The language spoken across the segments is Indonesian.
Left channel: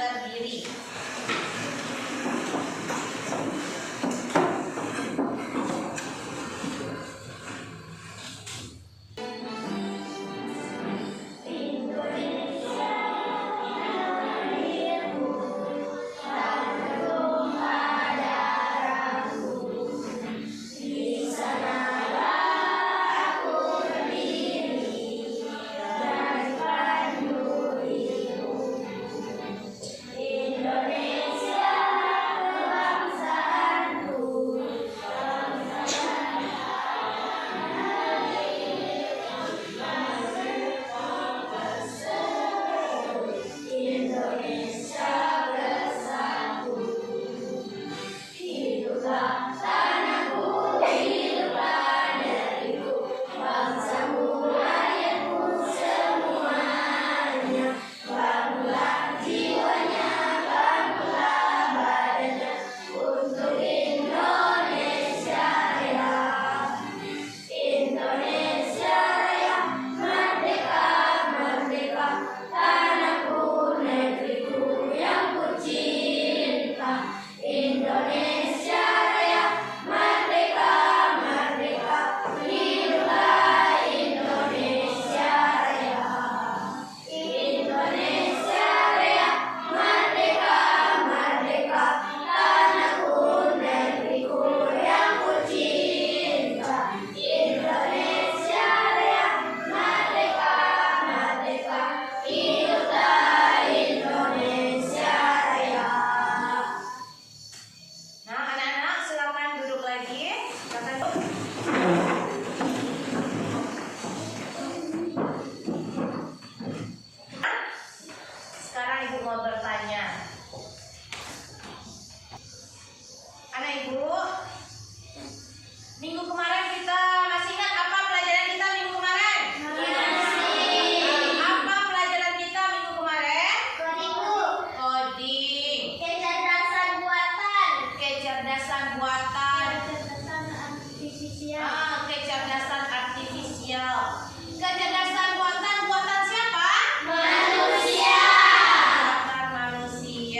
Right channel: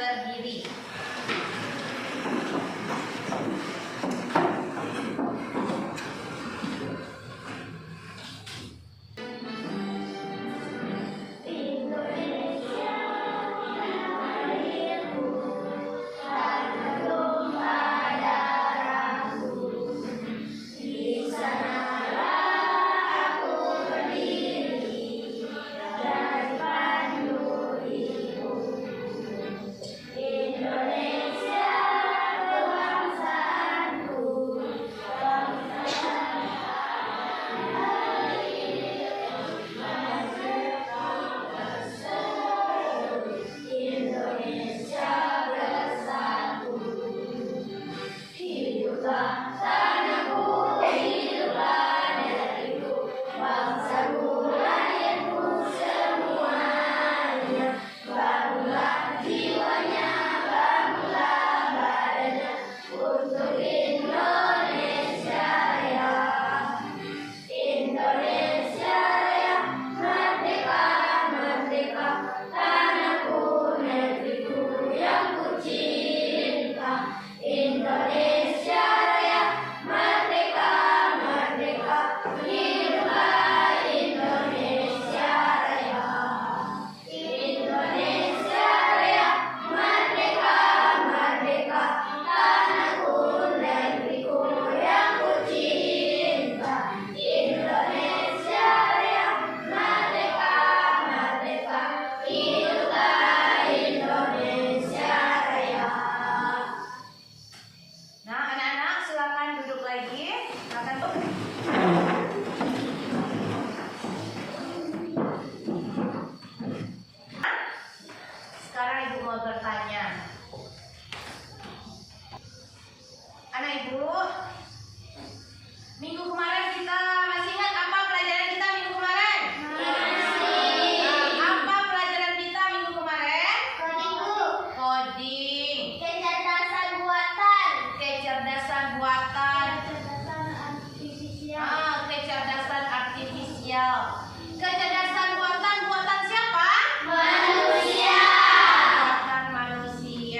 berdiri. Sekarang Ibu mau bertanya. Anak Ibu, minggu kemarin kita masih ingat apa pelajaran kita minggu kemarin? Masih. Apa pelajaran kita minggu kemarin? Coding. Coding. Kecerdasan buatan. Kecerdasan buatan. Kecerdasan artifisial. Kecerdasan artifisial. Kecerdasan buatan siapa? Manusia. Buatan manusia.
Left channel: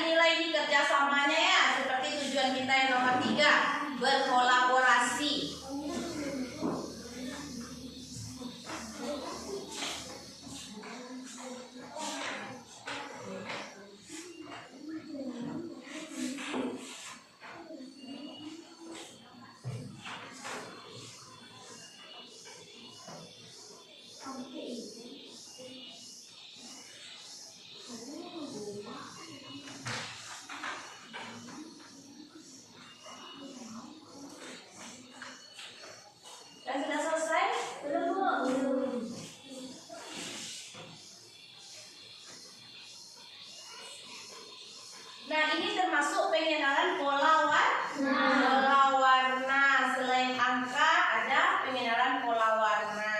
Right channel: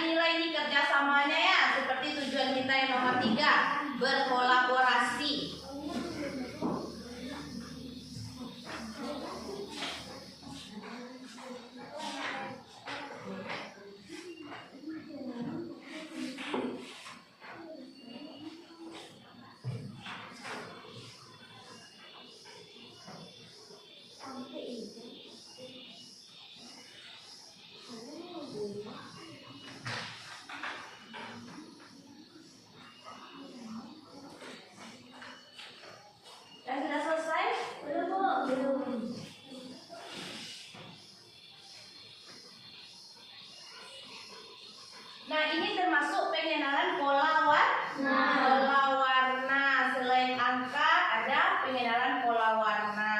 dinilai nih kerjasamanya ya, seperti tujuan kita yang nomor 3, berkolaborasi. Sudah selesai? Belum, Bu. Nah, ini termasuk pengenalan pola warna. Selain angka, ada pengenalan pola warna.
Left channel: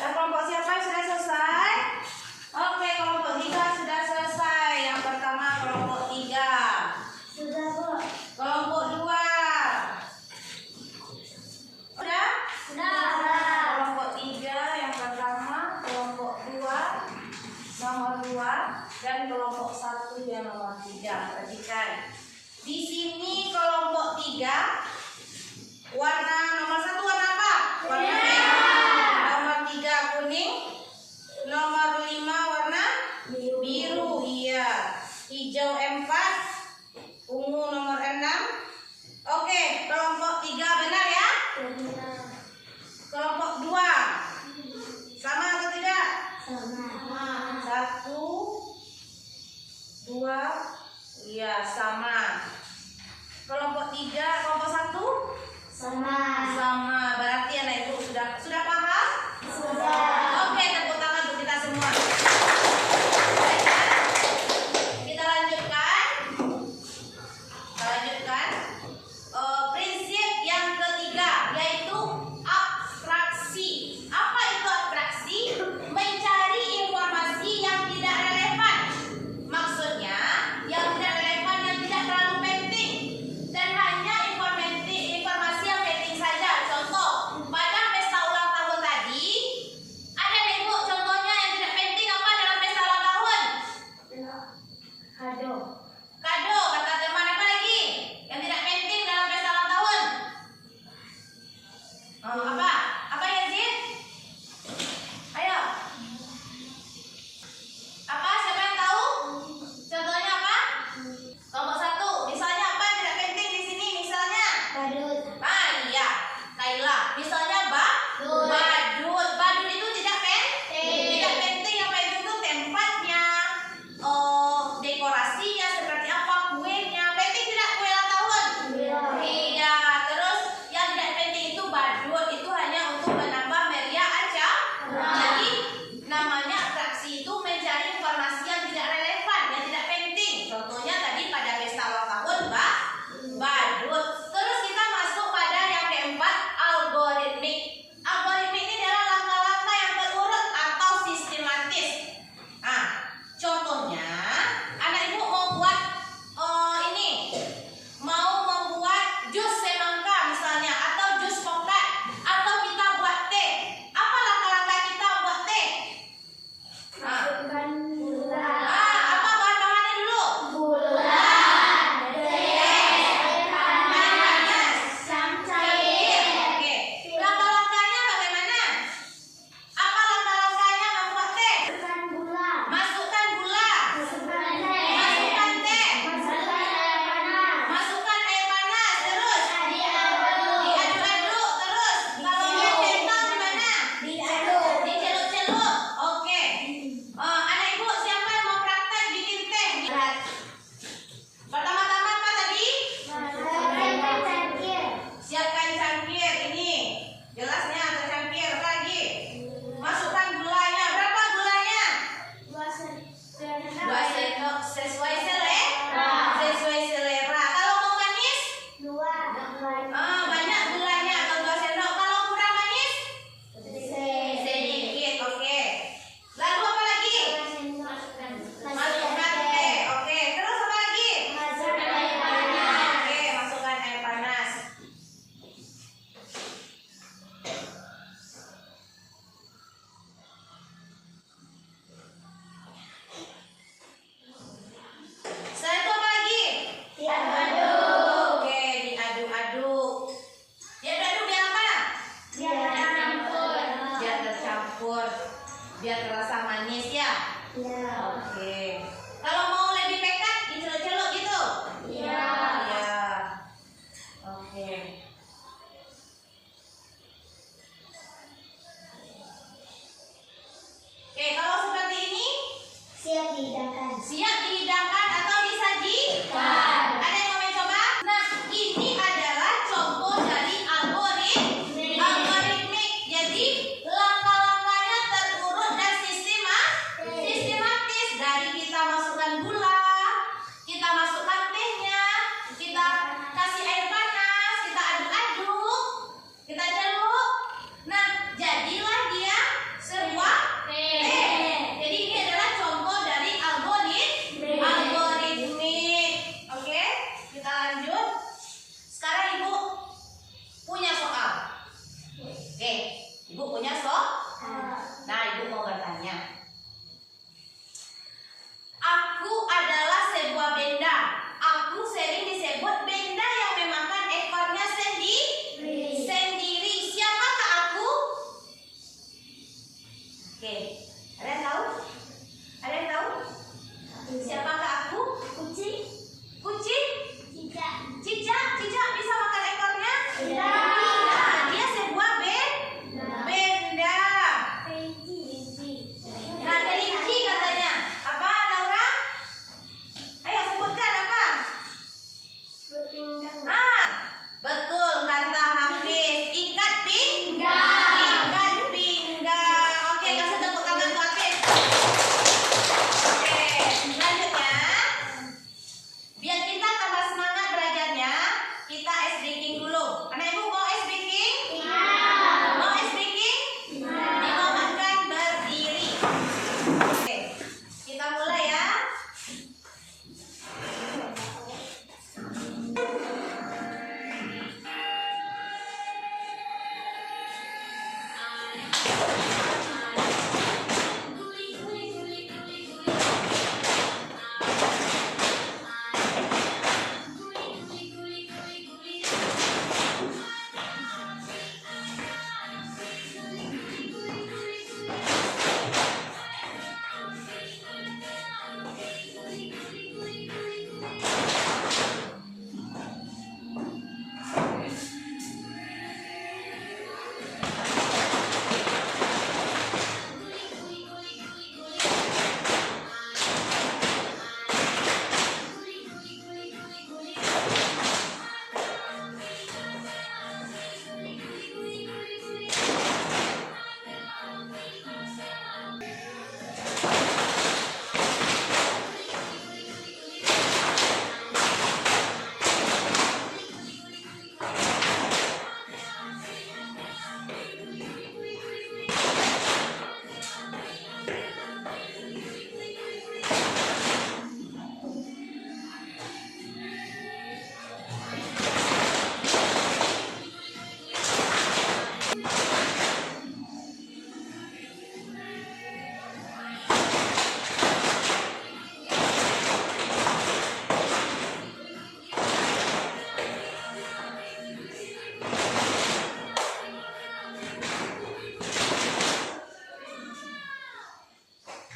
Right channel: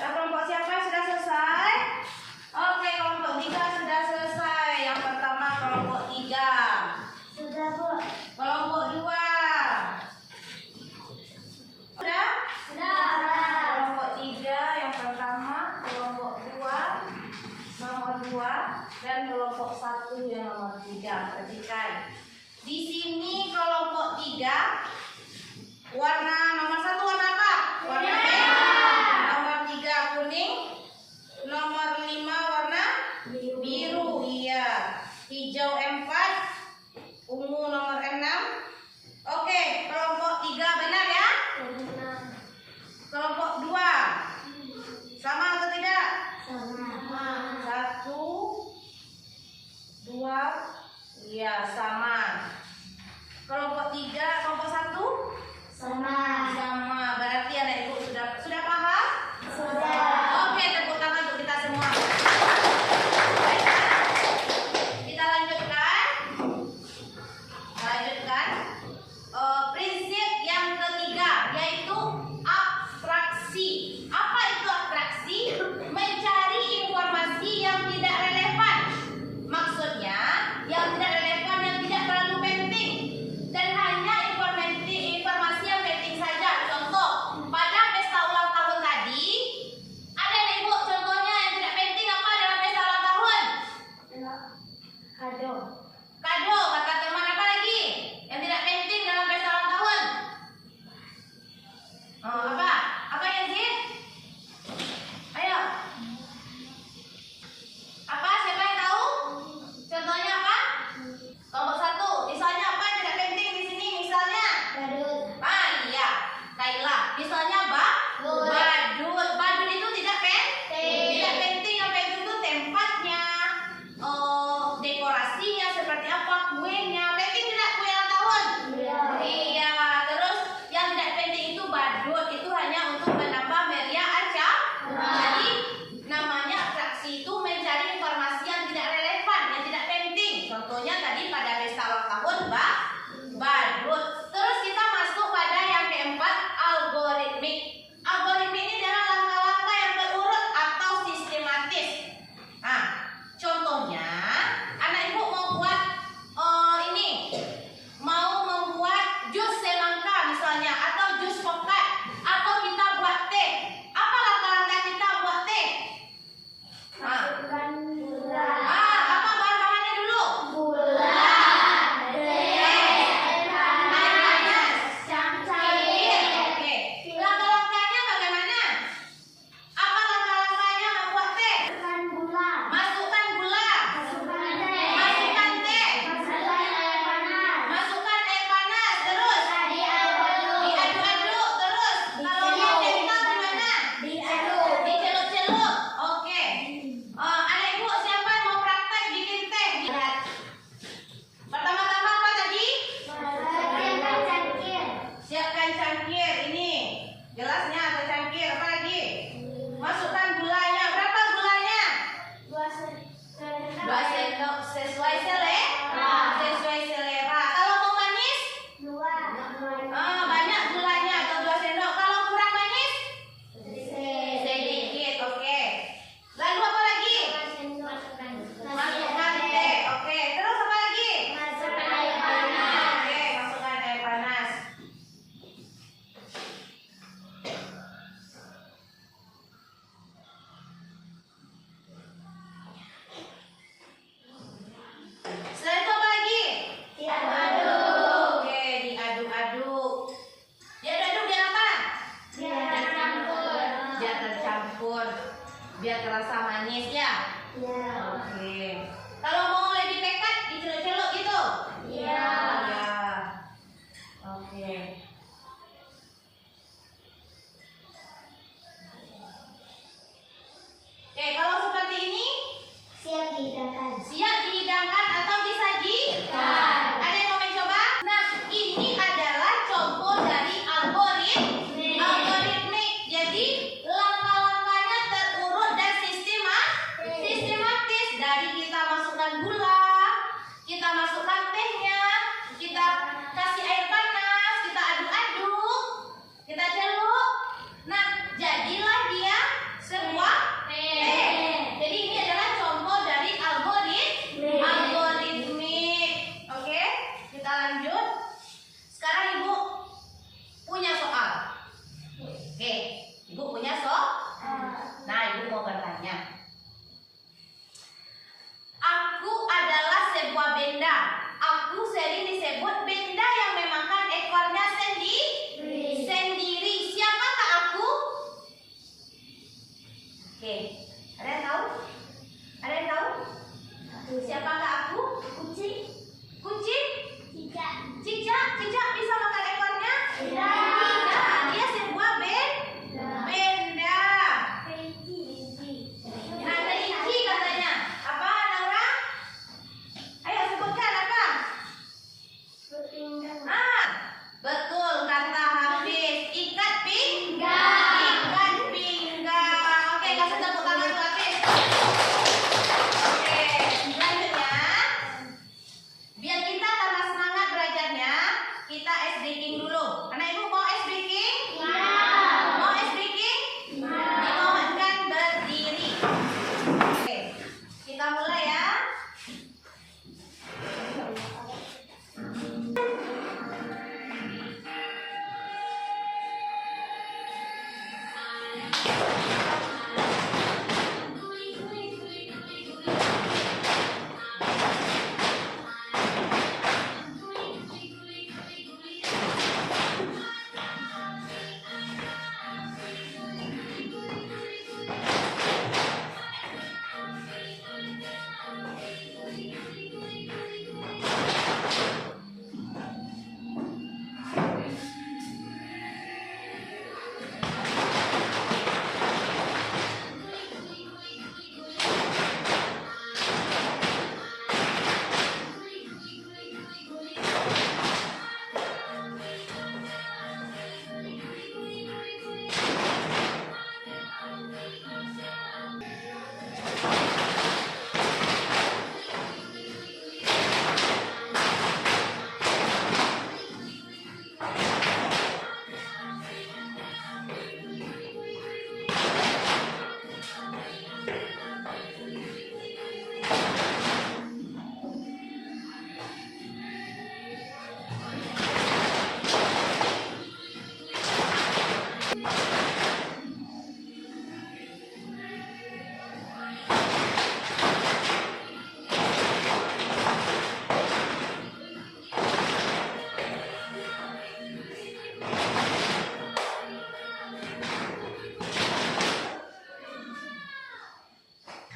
Kelompok siapa yang sudah selesai? Oke, kelompok 3 sudah selesai. Yang pertama kelompok 3. Sudah, Bu. Kelompok 2. Sudah? Sudah. Kelompok 3 yang pertama, kelompok 2 nomor 2 dan kelompok 1 yang nomor 3. Perhatikan. Di sini kelompok 3 warna nomor 1 warna apa? Warna merah. Nomor 3 kuning. Nomor 5 warna biru. Iya. Hijau 4. Ungu nomor 6. Oke, kelompok 3 benar ya? Benar. Kelompok 2 sama atau tidak? Sama. 1, 2, iya sama. Kelompok 3, kelompok 1 yogurt biar terasa manis ya. Ya. Oke. Kalau mau lebih pekat diceluk-celuk gitu. Ya. Ya. Oke. Oke, kalau seperti ini Siap dihidangkan. siap dihidangkan atau disajikan. Ada yang mau mencoba? Nah, ini adalah contoh dari algoritmik. Jadi langkah-langkahnya terurut dan sistematis. Dari kita masukkan gula, kita masukkan tehnya, kita kasih air panas, kita aduk-aduk, kita celuk. Nah, jadilah dia sebuah teh. Jadi ini adalah contoh dari algoritmik. Oke, kita lanjut. Sekarang Ibu punya soal. Oke, Ibu punya soal. Nah, Ibu mau bertanya. Aku adalah sebuah benda. Aku sering disebut benda yang memakan ekornya sendiri. Siapakah aku? Oke, ada yang tahu? Ada yang tahu? Siapakah aku? Kucing. Kucing? Cicak. Cicak bisa makan ekornya? Tidak. Nah, dia sebuah benda. Nah, kelinci katanya. Apa, Laura? Ayo sebutkan apa? Berpinggang. Betul kata Hafiz. Ikat pinggang. Oke, kasih tepuk tangan buat Hafiz. Oke, selanjutnya biar kita tambah semangat belajarnya, kita ice breaking dulu. Anak Ibu mau ice breaking? Mau ice breaking? Dimohonkan berdiri. Oke, kita mulai ya.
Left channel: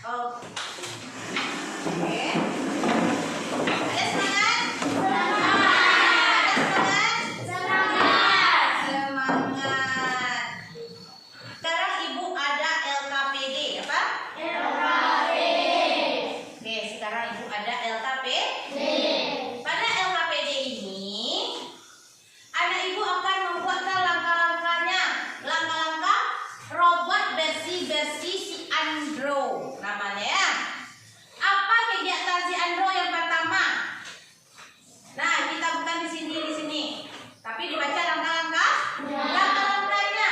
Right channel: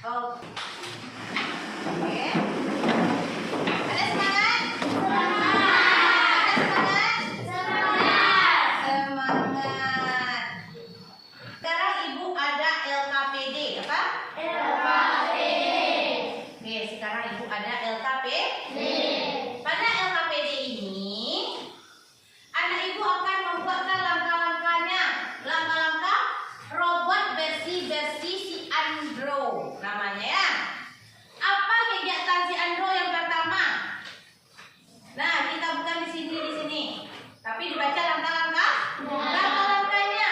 Oke. Ada semangat? Semangat. Sekarang Ibu ada LKPD, apa? Oke, sekarang Ibu ada LKPD. Pada LKPD ini, anak Ibu akan membuatkan langkah-langkahnya. Langkah-langkah robot versi si Andro namanya ya. Apa kegiatan si Andro yang pertama? Nah, kita bukan di sini. Tapi dibaca langkah-langkahnya.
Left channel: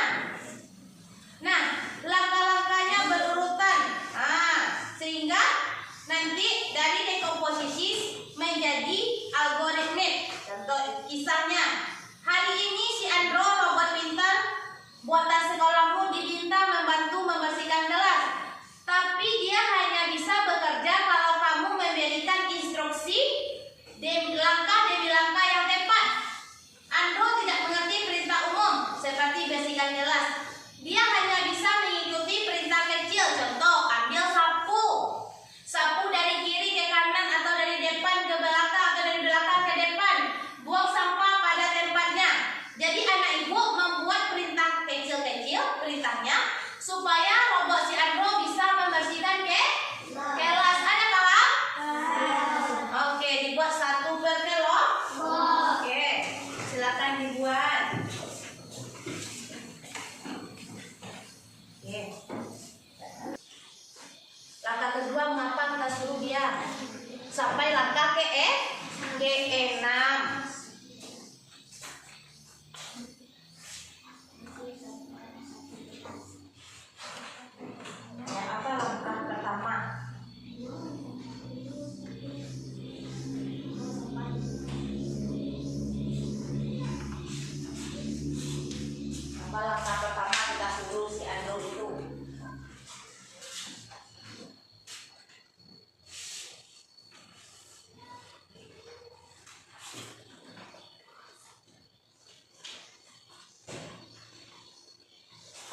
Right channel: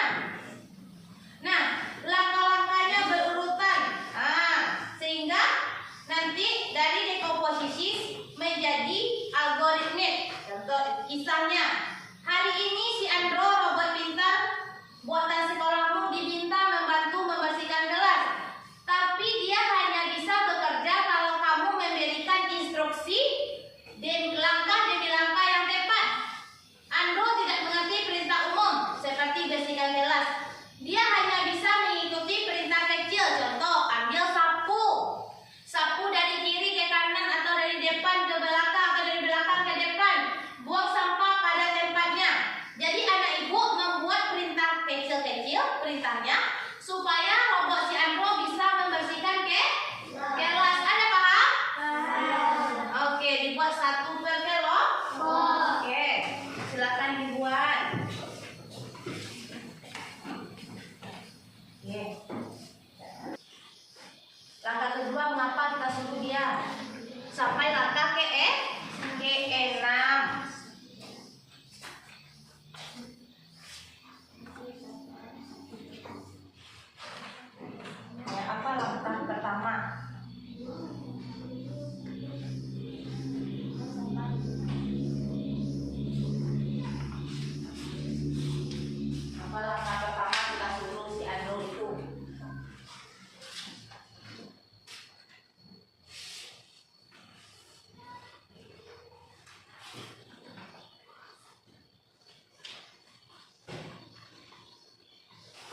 Nah, langkah-langkahnya berurutan. Sehingga nanti dari dekomposisi menjadi algoritmik. Contoh kisahnya. Hari ini si Andro robot pintar buatan sekolahmu diminta membantu membersihkan kelas. Tapi dia hanya sampai langkah ke-6. Apa langkah pertama? Apa langkah pertama kita suruh si Andul itu?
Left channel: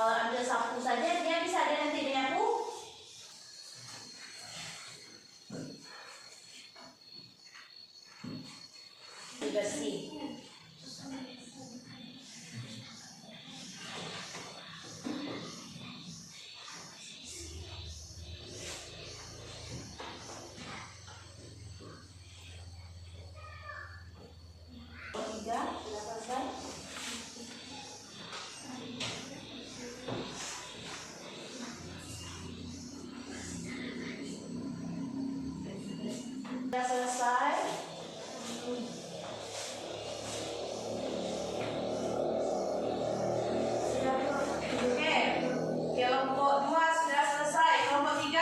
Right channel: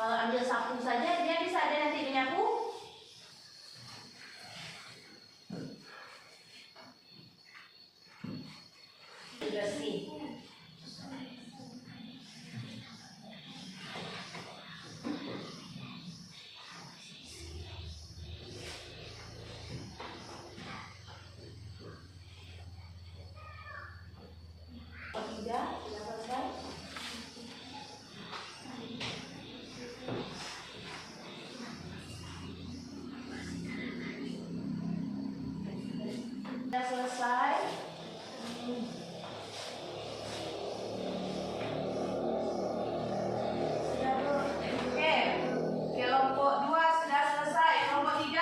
Kalau ambil sapu saja dia bisa ada nanti menyapu. Bersih. Sudah selesai. Sudah selesai. Sudah oke. Kelompok 2 sudah selesai. Kelompok 3.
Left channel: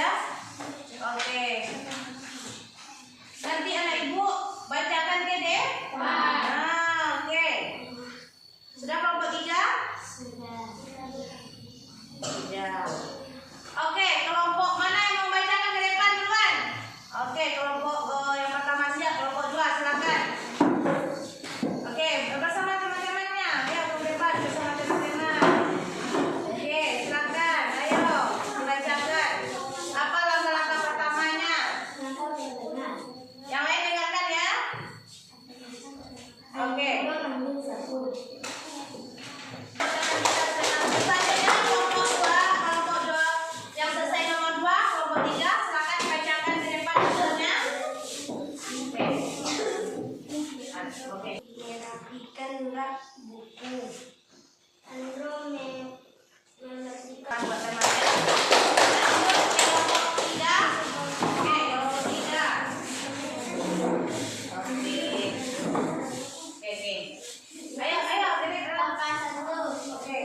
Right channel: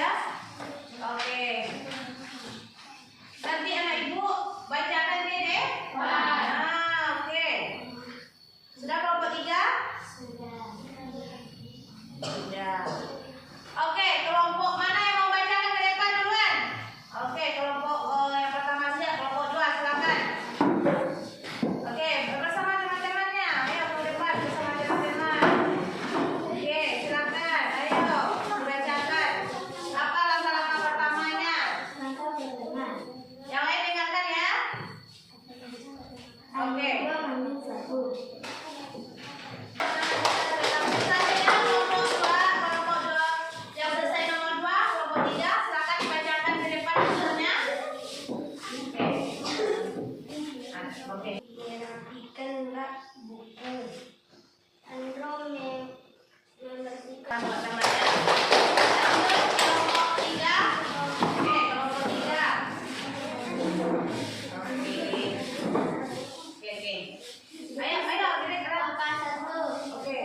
Ya? Oke. Nanti anak ibu bacakan ke deh. Nah, oke. Sudah kelompok 3? Sudah. Oke, kelompok mana yang mau bacakan ke depan duluan? Oke, kelompok yang pertama siap, kelompok 2 silakan. Oke, bersama teman-temannya. Ayo ke depan bersama teman-teman. Oke, silakan. Ayo dibacakan. Apa langkah-langkah pertamanya? Yang lain dengarkan ya. Oke. Yang selesai nomor 2, kelompok 3, silakan dibacakan ke depan hasilnya. Oke. Merapikan rak buku. Andro membersihkan Buat temannya. Kelompok 3. Oke, kelompok 3. Oke. Ayo, dedek langkah 1. Oke.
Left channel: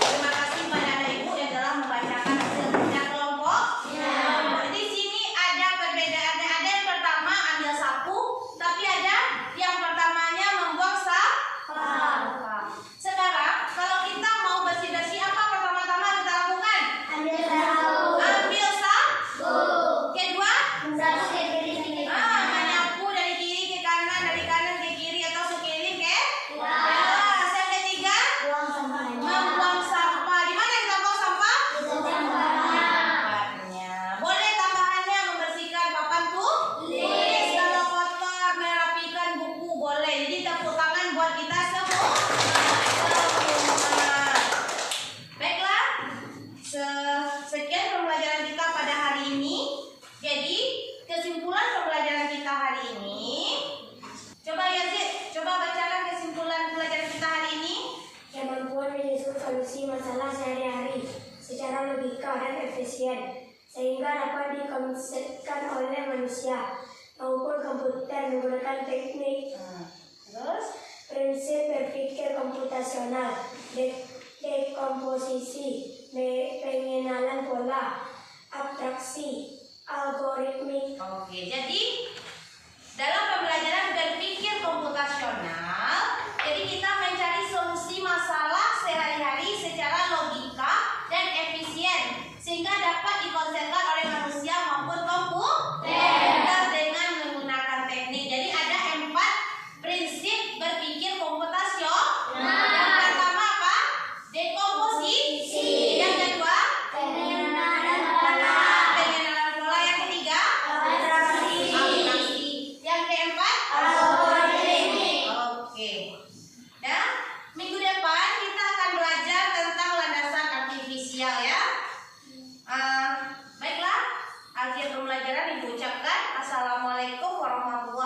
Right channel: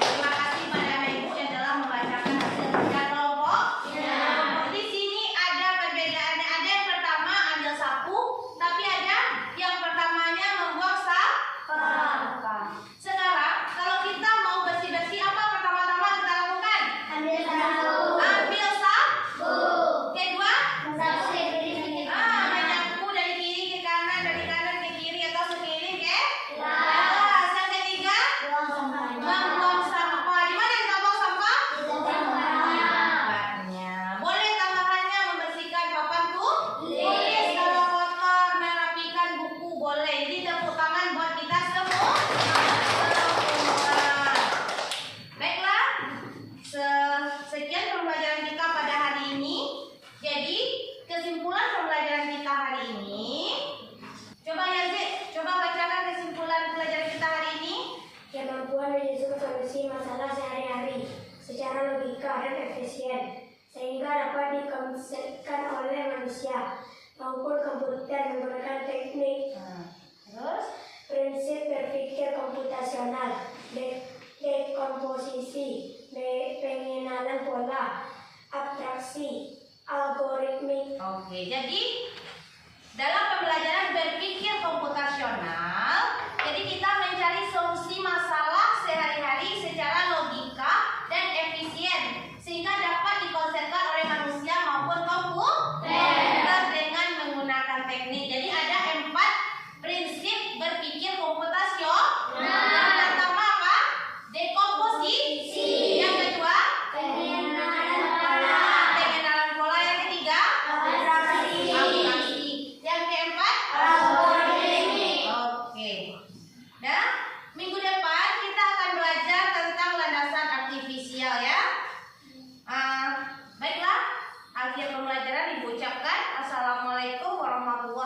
Terima kasih pada anak ibu yang telah membacakan hasil kerja kelompok. Di sini ada perbedaannya. Ada yang pertama ambil sapu, tapi ada yang pertamanya membuang sampah. Sekarang kalau kita mau bersih-bersih, apa pertama-tama kita lakukan? Ambil sapu. Ambil sapu. Kedua, Sapu ke kiri. menyapu dari kiri ke kanan, dari kanan ke kiri atau sekeliling ke yang ketiga, Buang sampah. membuang sampah. Di mana kita buang sampah? Di tempatnya. Tempatnya. Boleh tambahannya membersihkan papan tulis. Kalau kotor, merapikan buku boleh. Jadi tepuk tangan buat kita semua. Baiklah. Sekian pembelajaran kita pada hari ini. Jadi kesimpulan pembelajaran kita hari ini. Coba Yazid, coba bacakan kesimpulan pelajaran kita hari ini. Kemampuan menyusun solusi masalah sehari-hari secara logika dan efisien sehingga dapat dikonsepkan oleh manusia maupun komputer menggunakan teknik Terus? prinsip berpikir komputasional, dekomposisi, pengenalan pola, abstraksi, algoritmik. Oke, jadi dalam pembelajaran berpikir komputasional, jadi kita mencari solusi masalah sehari-hari secara logika dan efisien sehingga dapat dikonsepkan oleh manusia maupun komputer dengan menggunakan teknik. Jadi ada 4 prinsip berpikir komputasional. Yang pertama apa? Dekomposisi. Yang kedua? Pengenalan pola, Pengenalan pola. Yang ketiga? abstraksi, Abstraksi. Yang keempat? algoritmik. Oke. Nah, minggu depan kita akan belajar tentang landasan artifisial ya. Baiklah, akhir pembelajaran ibu ucapkan assalamualaikum warahmatullahi